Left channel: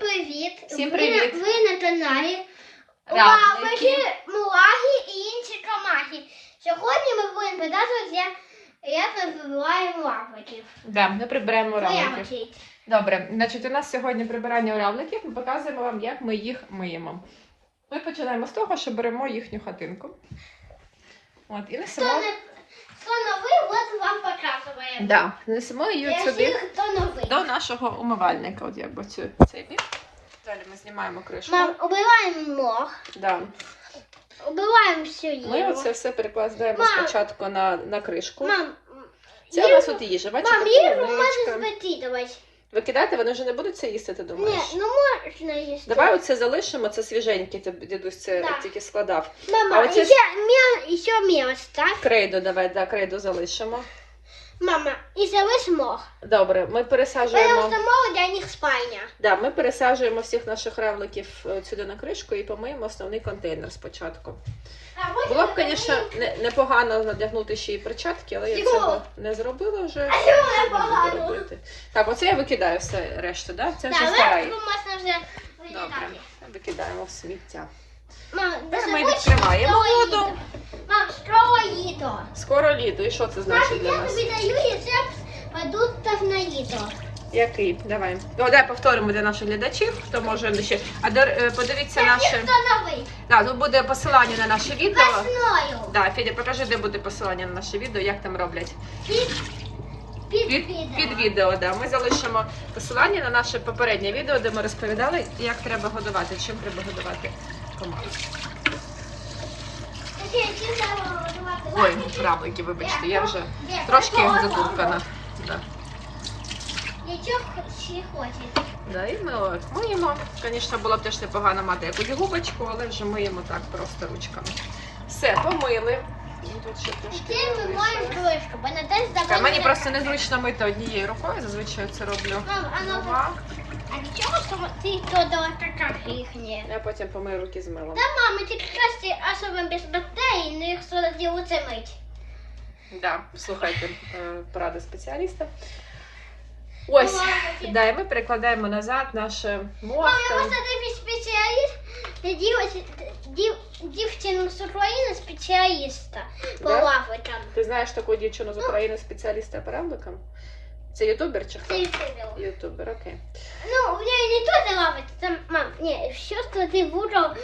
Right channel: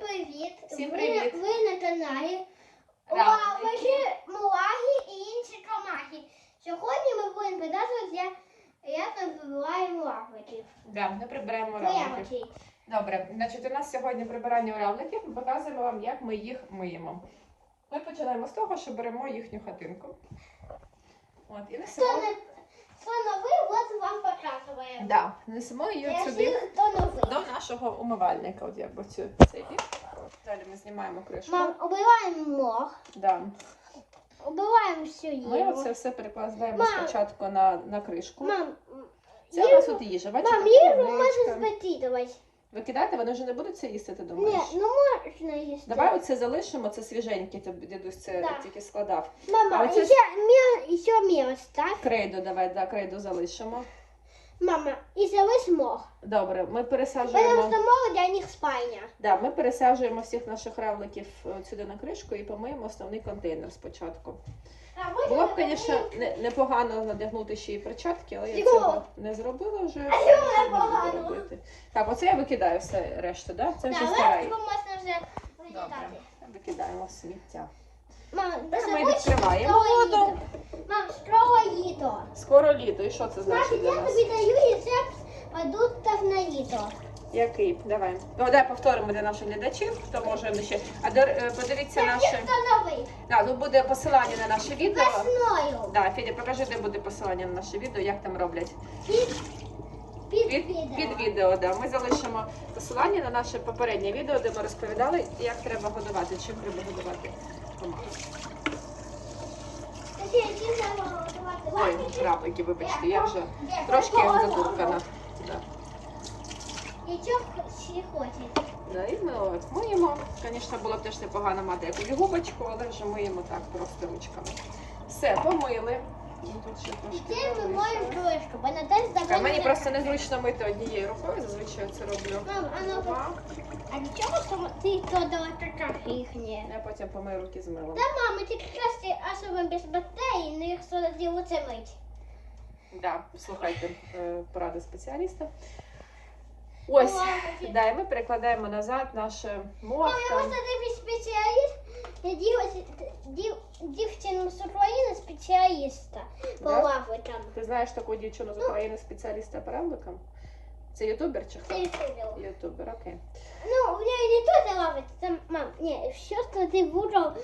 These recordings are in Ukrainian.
привіт! Всім привіт. Ви, на каналі Равлики. Лавики, і інші камахи. Сьогодні ми будемо показувати, як, як ми прибираємо лавиків. Да, ми приберемо равликів. Добре, значить, у нас сьогодні прибирання равликів. Ми показуємо вам, як ми їх миємо. Ми починаємо з того, що беремо їхню хатинку. От, і несемо, не, хто новий, от вам показуємо. да, несемо її сюди хто новий. Нашого умивальника. От якби цю цей бік. Далі ми знімаємо кришку. Мам, убиваємо мох, Да. убиваємо всю їжу. Ми оце все перекладаємо Мам. спочатку на, на кришку. Мам, Це у нас от їжа. Бачите? мам, їжу можна викидувати. Викидати, вони вже не будуть це їсти, ти Ні, думаєш? ну можна їсти. Давай оце залишимо, це свіженьке, дідусь це Так. тільки складав. Мама, А оце ще, мел, ще мелочь, так? Крейду давай, да, крейду залишимо. Мох. Добре, ми пересаджуємо. Потому что для них спальня. Да, ми пересаджуємо всіх наших равликів е, сюди на кришку і помиємо основний контейнер спочатку. Було б, звісно, не- непогано надягнути ще й перчатки, але я цього не зробила вже. А буду непогано? робити. Так, оце я викидаю все решту, да? Це вже старий. легко можна вже Добре, вилітати. викидаємо в сміття. Мама, Ми дуже відкриваємо. Мам, скоро їду. Скоро літо, і що це значить Значить, для я нас? тобі даю рецепт продуктів на їду. Який? Давай. Ну, Давай повторимо для наших глядачів, хто може ще. А дор- е, подивіться наше. Да, тут буде посилання на наше відео. Весною. Да, Федя, покажи, де буде посилання на наше відео, як там роблять. Під, під, Під, відео. під відео, да. Ми залишимо посилання на наше попереднє відео, де ми розповідали, як треба годувати, чим треба годувати команду. Ой, равлики, вибачте, я вже трошки затуркана. Да. Нічого ще хоче. Да, і ми миємо. Звісно, було б теж непогано мати якусь губочку, але вже миємо так просто ручками. Все, помили. Ну, Тут ще трошки. Ти ми вийшло. моєму кришку, бо на тест Так. Мені просто незручно мити однією рукою, зазвичай це роблю. Мам, а ну, Двома. а чого сама- ти додала така їхня? Я потім помию руки з милом. Та мама, ти краще особливо без батареї, не їх сьогодні оце мить. Да, слухайте е, поради спеціаліста. Ось, да, і ми перекладаємо назад наше Мама, мозку. може ти спеціаліст? Дів- дів- дівчину з України спеціаліста по Да? лавикам. Ти знаєш таку дівчину з України спеціаліста по равликам? Це ютубер чи хто? видела. Ютубер, Ютубер, окей. Ну, у меня не то лавить, там, мам, не, все, что ты выбрал,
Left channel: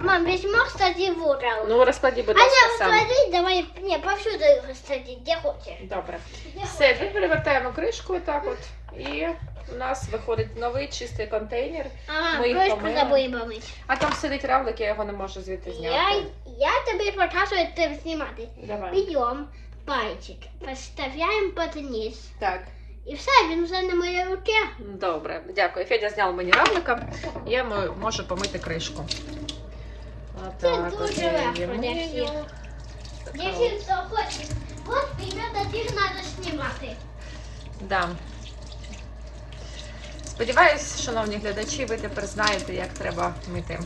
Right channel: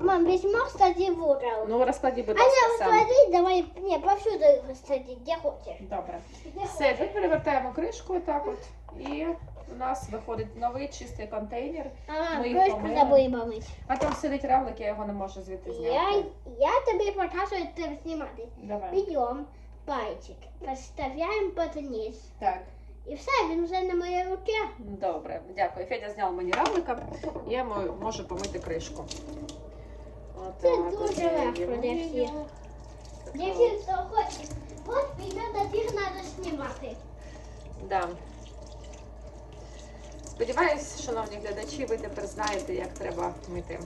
мам, весь мох, кстати, выбрал. Ну розкладі, будь а ласка, не, сам. смотри, давай, не, повсюду, кстати, где хочешь. Добре. Где Все, ми перевертаємо кришку так от. І у нас виходить новий чистий контейнер. А, мам, Ми їх крышку помиємо. забыли помыть. А там сидить равлик, я його не можу звідти Я, зняти. я тебе покажу, ты снимати. Давай. Берем пальчик, подставляем под низ. Так. І все, він вже на моїй руці. Добре, дякую. Федя зняв мені равлика. Я мо- можу помити кришку. Це дуже легко для всіх. Така Якщо хто хоче, от примерно їх треба знімати. Да. Сподіваюсь, шановні глядачі, ви тепер знаєте, як треба мити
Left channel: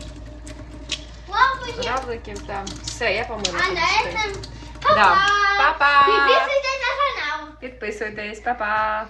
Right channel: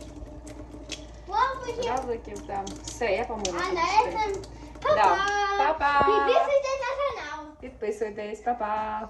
равликів. Там. Все, я помила. А на этом Да. па-па. Па-па! Підписуйтесь на канал. Підписуйтесь, па-па!